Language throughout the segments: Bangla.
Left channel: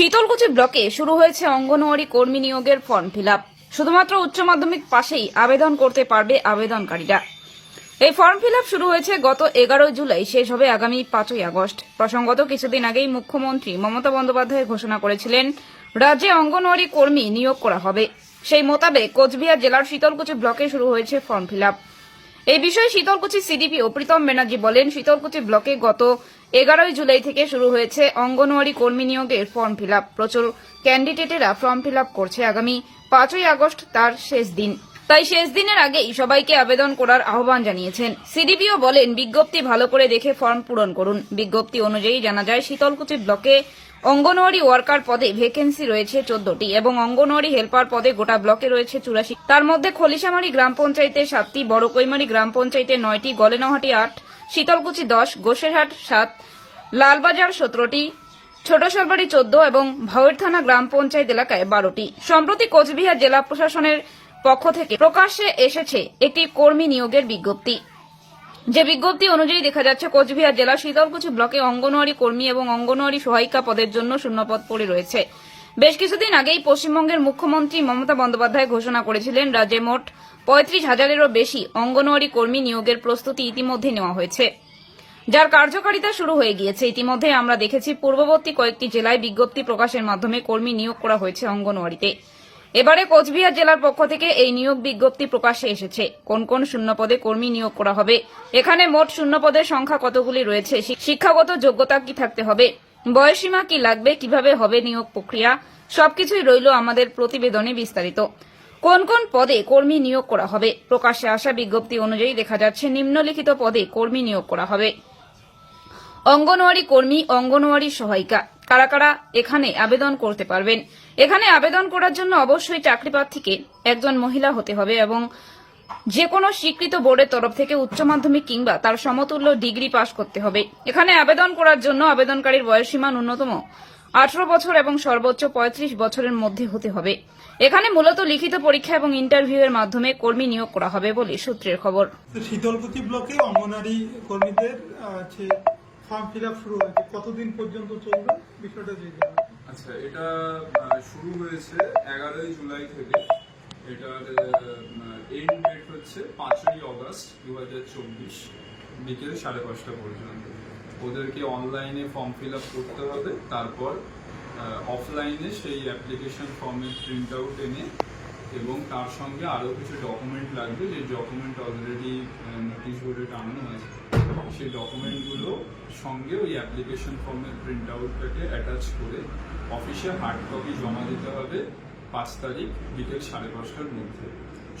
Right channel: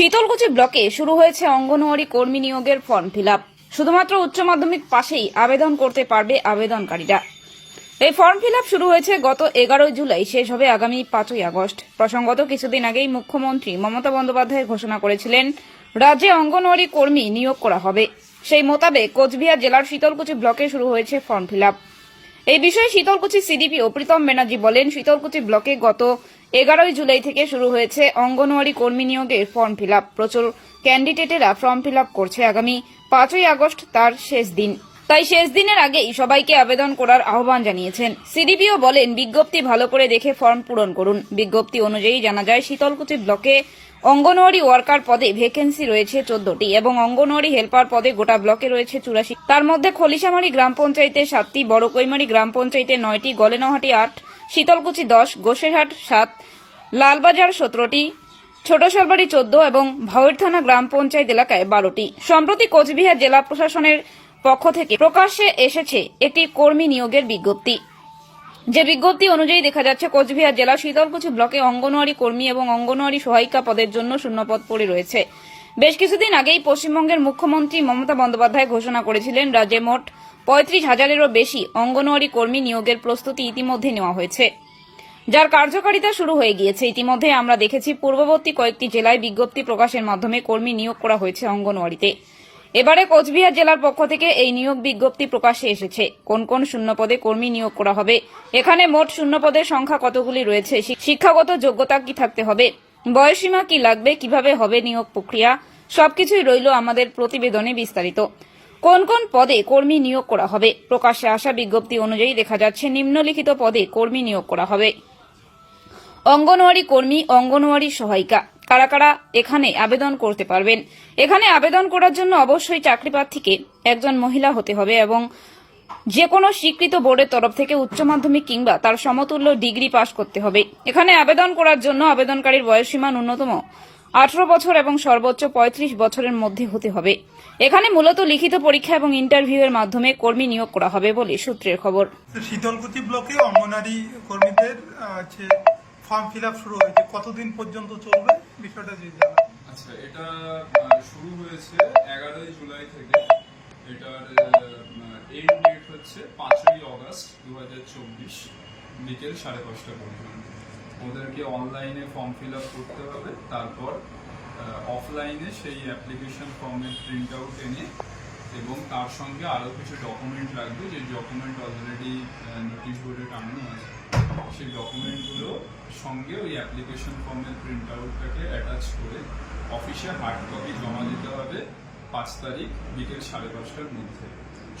শীতলকুচি ব্লকে শুরু হয়েছে অঙ্গনওয়াড়ি কর্মী নিয়োগের ফর্ম ফিল শুধুমাত্র উচ্চ মাধ্যমিক পাশেই আবেদন করতে পারবে আবেদনকারীরা। এই ফর্ম ফিল শুরু হয়েছে গত এগারোই জুলাই, শেষ হবে আগামী পাঁচই আগস্ট। প্রসঙ্গত, কিছুদিন আগেই মুখ্যমন্ত্রী মমতা বন্দ্যোপাধ্যায় ঘোষণা করেছিলেন, রাজ্যে অঙ্গনওয়াড়ি কর্মী নিয়োগ করা হবে। সেই মোতাবেক কোচবিহার জেলার শীতলকুচি ব্লকে শুরু হয়েছে ফর্ম ফিল এই বিষয়ে শীতলকুচি সিডিপি ও প্রীতম ব্যানার্জি বলেন, শীতলকুচি ব্লকে গত এগারোই জুলাই থেকে শুরু হয়েছে অঙ্গনওয়াড়ি কর্মী নিয়োগের ফর্ম ফিল প্রচুর ক্যান্ডিডেটেরা ফর্ম ফিল করছে। আগামী পাঁচই আগস্ট তার শেষ দিন। তাই শেষ দিনের আগেই সবাইকে আবেদন করার আহ্বান জানিয়েছেন। সিডিপিও বলেন, বিজ্ঞপ্তি ভালো করে দেখে ফর্ম পূরণ করুন। বিজ্ঞপ্তি অনুযায়ী জানা যায়, শীতলকুচি ব্লকে অঙ্গনওয়াড়ি ওয়ার্কার পদে ভ্যাকেন্সি রয়েছে চোদ্দটি এবং অঙ্গনওয়াড়ি হেল্পার পদে গোটা ব্লকে রয়েছে চুরাশি। তার মধ্যে খলিশামারি গ্রাম পঞ্চায়েতে সাতটি বড় কৈমারি গ্রাম পঞ্চায়েতে নয়টি, গলেনহাটি আট, শীতলকুচি দশ, গোসেরহাট সাত, লালবাজার সতেরোটি ছোট সরবারি চোদ্দ এবং ভাওয়ের থানা গ্রাম পঞ্চায়েত এলাকায় বারোটি। সম্প্রতি কোচবিহার জেলা প্রশাসনের পক্ষ থেকে প্রকাশ্যে এসেছে একটি কর্মী নিয়োগের বিজ্ঞপ্তি। যে বিজ্ঞপ্তি অনুযায়ী দেখা যাচ্ছে, কোচবিহার জেলা শীতলকুচি ব্লকে অঙ্গনওয়াড়ি কর্মী এবং অঙ্গনওয়াড়ি সহায়িকা পদের জন্য শূন্যপদ পড়ে রয়েছে। বেশ কিছুদিন আগেই পশ্চিমবঙ্গের মুখ্যমন্ত্রী মমতা বন্দ্যোপাধ্যায় ঘোষণা করেছিলেন, রাজ্যে মোট পঁয়ত্রিশ হাজারেরও বেশি অঙ্গনওয়াড়ি কর্মী নিয়োগের প্রস্তুতি ইতিমধ্যে নেওয়া হয়েছে। যার কার্যকারিতা শুরু হয়ে গিয়েছে। ইতিমধ্যে আমরা দেখেছি, পূর্ববর্তী কয়েকটি জেলায় বিজ্ঞপ্তি প্রকাশের মাধ্যমে কর্মী নিয়োগ করা হয়েছে অঙ্গনওয়াড়িতে। এবারে কোচবিহার জেলার পক্ষ থেকে এই নিয়োগ বিজ্ঞপ্তি প্রকাশে এসেছে। কোন কোন শূন্যপদে কর্মী নিয়োগ করা হবে? এখানে মোট শূন্যপদের সংখ্যা কতগুলি রয়েছে? শিক্ষাগত যোগ্যতা কি থাকতে হবে? বয়সীমা কি লাগবে? কীভাবে হবে নিয়োগ প্রক্রিয়া? সবকিছুই রইল আমাদের প্রতিবেদনে বিস্তারিত। কোন কোন পদে কর্মী নিয়োগ করা হবে? প্রকাশ্যে আসা বিজ্ঞপ্তি অনুযায়ী দেখা যাচ্ছে নিম্নলিখিত পদে কর্মী নিয়োগ করা হবে। অঙ্গনওয়াড়ি কর্মী, অঙ্গনওয়াড়ি সহায়িকা। কারা কারা এখানে আবেদন করতে পারবেন। এখানে আবেদন করার জন্য অবশ্যই চাকরি প্রার্থীকে একজন মহিলা হতে হবে এবং যে কোনো স্বীকৃত বোর্ডের তরফ থেকে উচ্চ মাধ্যমিক কিংবা তার সমতুল্য ডিগ্রি পাশ করতে হবে। এখানে আবেদন করার জন্য আবেদনকারীর বয়সসীমা ন্যূনতম আঠারো বছর এবং সর্বোচ্চ পঁয়ত্রিশ বছরের মধ্যে হতে হবে। এখানে মূলত লিখিত পরীক্ষা এবং ইন্টারভিউ এর মাধ্যমে কর্মী নিয়োগ করা হবে বলে সূত্রের খবর। শীতলকুচি ব্লকে অঙ্গনারী কর্মীদের ফর্ম ফিল শুরু হয়েছে। কতদিন পর্যন্ত চলবে? বিষয়টা যদি জানা আচ্ছা এটা শুরু হয়েছে এগারোই জুলাই থেকে। এটার এন্ড ডেট হচ্ছে পাঁচই অগস্ট দু হাজার চব্বিশ বিকেল সাড়ে পাঁচটা পর্যন্ত। ওদেরকে অনলাইনে ফর্ম ফিল করতে হবে। তারপর অফলাইনে সেই অ্যাপ্লিকেশন ফর্মের প্রিন্ট আউট এনে এবং তার সঙ্গে আরও কিছু ডকুমেন্ট লাগবে, যে ডকুমেন্ট অলরেডি নোটিশ বোর্ডে টাঙানো আছে। সেই ডকুমেন্টগুলো সঙ্গে ওই অ্যাপ্লিকেশন ফর্মের প্রিন্ট আউটটাকে অ্যাটাচ করে অফিসে হার্ড কপি জমা দিতে হবে পাঁচ তারিখ বিকেল সাড়ে পাঁচটার মধ্যে।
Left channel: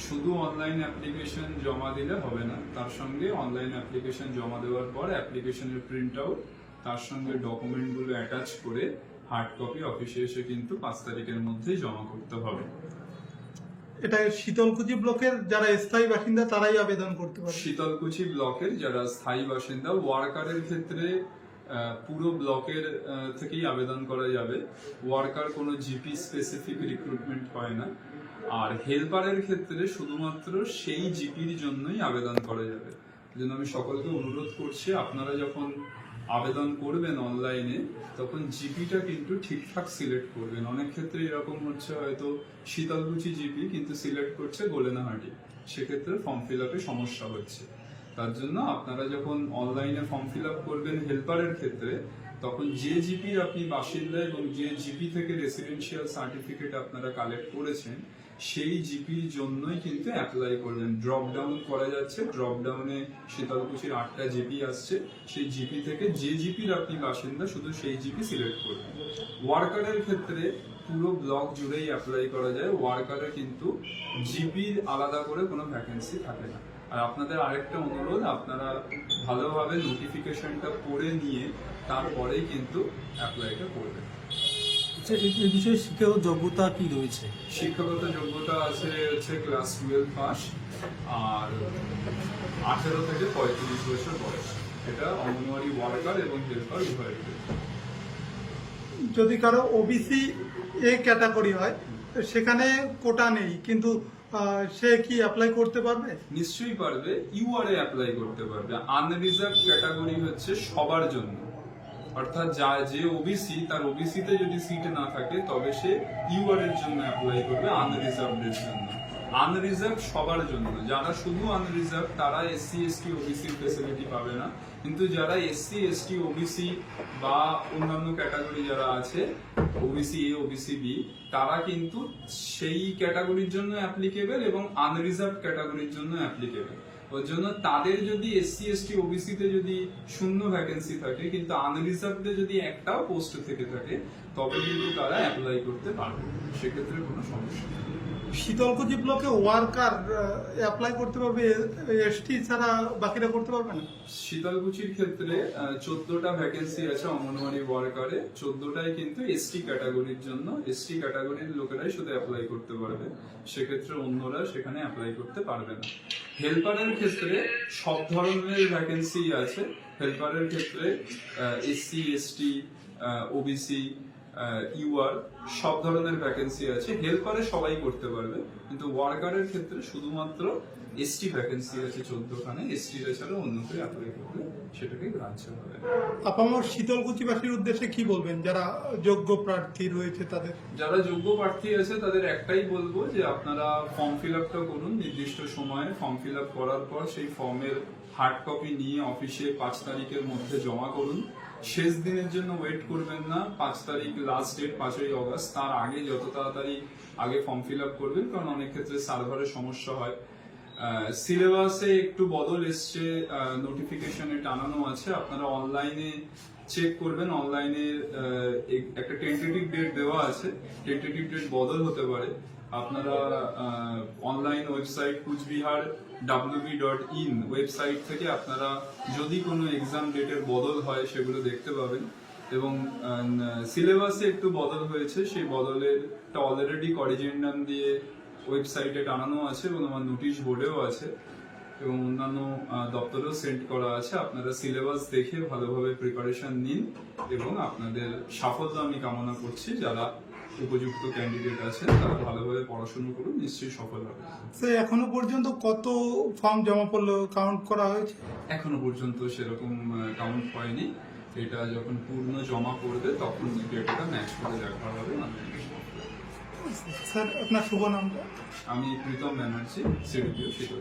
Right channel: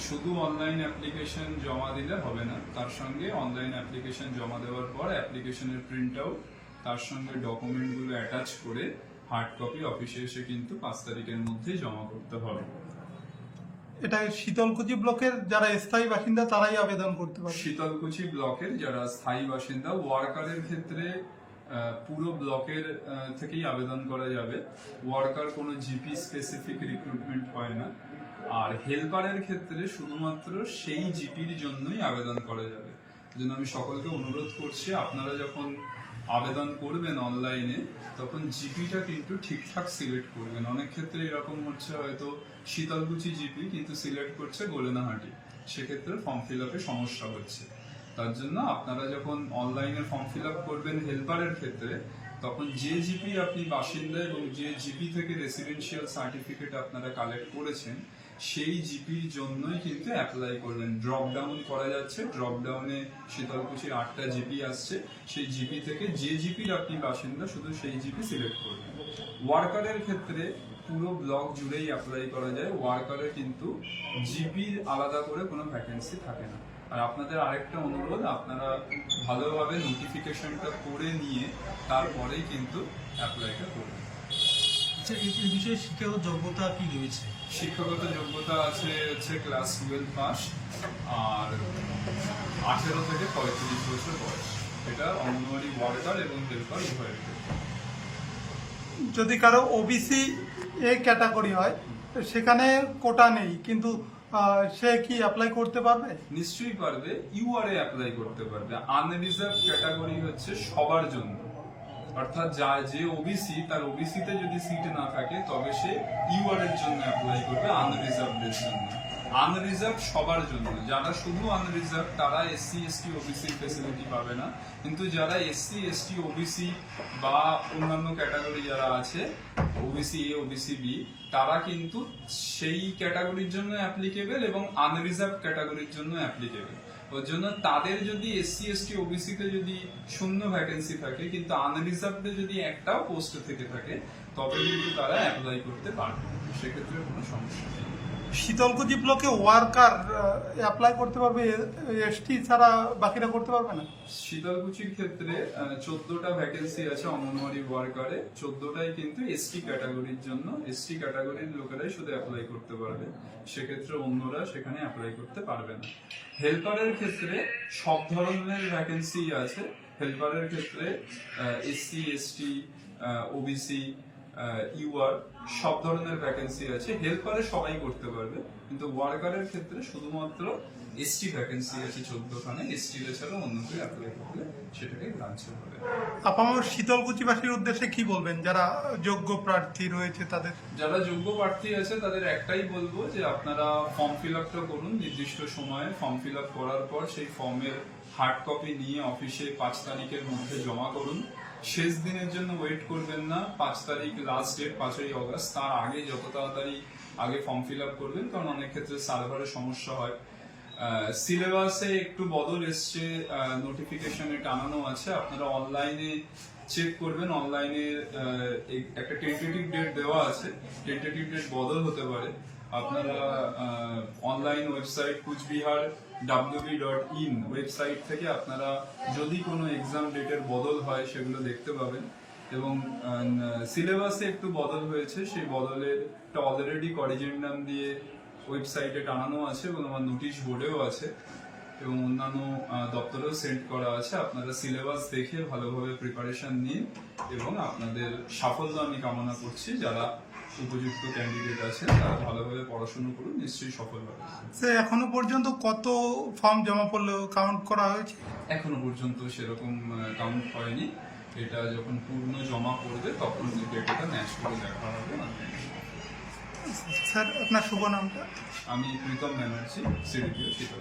শুধু অনলাইন অ্যাপ্লিকেশন জমা দিলে হবে না, তার সঙ্গে অনলাইন অ্যাপ্লিকেশন জমা দেওয়ার পর অ্যাপ্লিকেশনের প্রিন্ট আউট তার সঙ্গে ডকুমেন্টগুলো অ্যাটাচ করে হার্ড কপি অফিসে এসে কিন্তু পাঁচ তারিখের মধ্যেই জমা করতে হবে। এটা শীতলকুচি ব্লকের যারা স্থায়ী বাসিন্দা, তারাই আবেদন করতে পারবে। শীতলকুচি ব্লকের যারা স্থায়ী বাসিন্দা, ওয়ার্কারের ক্ষেত্রে পুরো ব্লকের থেকেই আবেদন করা যাবে। ওয়ার্কার কোনো জিপি স্পেসিফিক রিক্রুটমেন্ট হয় না। আর হেল্পারের ক্ষেত্রে শুধুমাত্র সেই জিপির জন্যই আবেদন করা যাবে। জন্য আমি সকলকে অনুরোধ করছি, আপনারা যখন আবেদন করবেন অনলাইনে তখন জিপিটা কিন্তু ঠিকঠাক সিলেক্ট করবেন। অনেক ক্ষেত্রে এরকম হচ্ছে হয়তো শীতলকুচি জিপি কিন্তু সিলেক্ট করছে গোলেনাহাটি। সেক্ষেত্রে ফর্ম ফিল আপে সমস্যা হচ্ছে। তার জন্য আপনারা যখন অনলাইনে ফর্ম ফিল আপ করবেন হেল্পারের ক্ষেত্রে তখন যে জিপি আপনি বাসিন্দা এবং যে জিপি থেকে রেসিডেন্সিয়াল সার্টিফিকেট আপনারা কালেক্ট করেছেন, সেই জিপির জন্যই কিন্তু অ্যাপ্লাই করবেন ড্রপ ডাউন করা যাচ্ছে ড্রপ ডাউনে শীতলকুচির আটটা জিপি আসছে, সেই জিপি থেকে যে জিপির আপনি বাসিন্দা, শুধু সেই জিপি সিলেক্ট করবেন ওয়ার্কারের ক্ষেত্রে পুরো ব্লক জুড়েই অ্যাপ্লাই করা যায় ওয়ার্কারের কিন্তু জিপির আলাদা করে কোনো ভ্যাকেন্সি থাকে না। আর আপনাদের আরেকটা অনুরোধ আপনারা ভালোভাবে নোটিফিকেশনটা পড়ে নিয়ে তারপরেই কিন্তু অ্যাপ্লাইটা করবেন। আচ্ছা এই এই বিষয়ে শিক্ষাগত যোগ্যতা কি রয়েছে? শিক্ষাগত যোগ্যতা আছে হচ্ছে ক্লাস টুয়েলভ পাস আর আঠেরো থেকে পঁয়ত্রিশ বছর বয়স। এটা অঙ্গনওয়াড়ি ওয়ার্কার এবং হেল্পার উভয়ের। যদি কারও ওবিসি এ ক্যাটাগরি হয় সেখানে কোটা নেই কিন্তু সে কি অ্যাপ্লাই করতে পারবে? নিশ্চয়ই পারবে। ইউআরএ অ্যাপ্লাই করতে পারবে। আনরিজার্ভ ক্যাটাগরি হচ্ছে সবার জন্য। অর্থাৎ যা, যে ওবিসি তার ওবিসিতে যদি সিট না থাকে, তবে সে ইউআর এর জন্য অ্যাপ্লাই করবে আনরিজার্ভ এর জন্য। আনরিজার্ভ সবার জন্য যারা শুধু আনরিজার্ভ তারা এসসি এসটি ওবিসির ফেসিলিটি পাবে না। কিন্তু যারা এসসি এসটি ওবিসি বা অন্যান্য ক্যাটাগরি যারা আছে ওবিসি এ ওবিসি বি তারা কিন্তু সেই ক্যাটাগরির জন্য অ্যাপ্লিকেবল এবং আনরিজার্ভ ক্যাটাগরির জন্য অ্যাপ্লিকেবল ওর জন্য তাদের যদি এসসি এসটি ওবিসিতে যদি শূন্য ভ্যাকেন্সি থাকে, কিন্তু আনরিজার্ভে যদি একটাও পোস্ট থেকে থাকে, তবে কিন্তু তারা অ্যাপ্লাই করতে পারবে সেক্ষেত্রে কোনো সমস্যা নেই। শীতলকুচি ব্লকে ওয়ার্কার অ্যাপ্লাই করতে পারবে এসটি ছাড়া বাকিরা করতে পারবে না? শীতলকুচির ক্ষেত্রে চোদ্দটা ভ্যাকেন্সি আছে অঙ্গনওয়াড়ি ওয়ার্কারে চোদ্দটাই কিন্তু এসটি ক্যাটাগরির জন্য। এসটি ক্যাটাগরির লোকেরাই শুধু অ্যাপ্লাই করতে পারবে। সেক্ষেত্রে অন্যরা সেখানে অ্যাপ্লাই করতে পারবে না। হেল্পারের ক্ষেত্রে সব ধরনের ভ্যাকেন্সি আছে। হেল্পারের ক্ষেত্রে এসসি এসটি ওবিসি ইউআর সব ধরনের ভ্যাকেন্সি আছে। হেল্পারে সবাই করতে পারবে। কিন্তু ওয়ার্কারের ক্ষেত্রে শুধুমাত্র এসটি ভ্যাকেন্সি আছে চোদ্দখানে। এসটি এছাড়া অন্য কেউ অ্যাপ্লাই করলে সেটাকে গ্রাহ্য হবে। আপামর শীতলকুচিবাসীর উদ্দেশ্যে কি বলবেন? যারা যোগ্য প্রার্থী রয়েছে তাদের। যারা যোগ্য প্রার্থী আছে তাদের একটাই বলব যে আপনারা ফর্ম ফিল আপটা করুন। নির্দিষ্ট সময়ে ফর্ম ফিল আপ করার পর সেই ফর্মের হার্ড কপি নিয়ে অফিসে পাঁচ তারিখের মধ্যে জমা করুন। শেষ দিনের জন্য ওয়েট করবেন না। পাঁচ তারিখ লাস্ট ডেট পাঁচই অগস্ট। তার আগে যত তাড়াতাড়ি আগে ফর্ম ফিল আপ করবেন, কারণ অনেক ক্ষেত্রে সার্ভারের সমস্যা হয়। সিলেবাসে একটু বদল এসছে। নোটিফিকেশনে টানানো আছে। আপনারা অনলাইনে চেক করবেন। অনলাইনে একটা টেন্টেটিভ ডেট দেওয়া আছে। টেন্টেটিভ ডেট বদল হতে পারে। আপনারা online website Coochbehar WB dot in website থেকে আপনারা যদি কোনো এক্সাম ডেটের বদল হয় সেগুলো দেখতে পাবেন এবং সিলেবাসে একটু বদল হয়েছে, সেই বদলের অলরেডি করিজেন্ডাম দিয়ে ওয়েবসাইটে টানানো আছে এবং আমার নোটিশ বোর্ডেও আছে এবং অন্যান্য দপ্তরেও সেন্ড করা আছে। আপনারা সিলেবাস দেখে ভালোভাবে প্রিপারেশন নিন এবং আপনাদের সাফল্য আমি কামনা করছি। যারা উপযুক্ত ক্যান্ডিডেট আছেন তারা ভালোভাবে পড়াশুনো করুন নিশ্চয়ই সফল হবে। স্যার এখনও পর্যন্ত কত ফর্ম জমা পড়ল কাউন্ট করা হয়েছে? এখনও পর্যন্ত সেরকম কাউন্ট হয়নি। এটা যখন পূর্ণ জমা করবে তখন ডেটাটা ম্যাচ করে দেখা হবে online। স্যার আপনার শুভ নামটা? আমি প্রীতম ব্যানার্জি সিডিপিও সেটা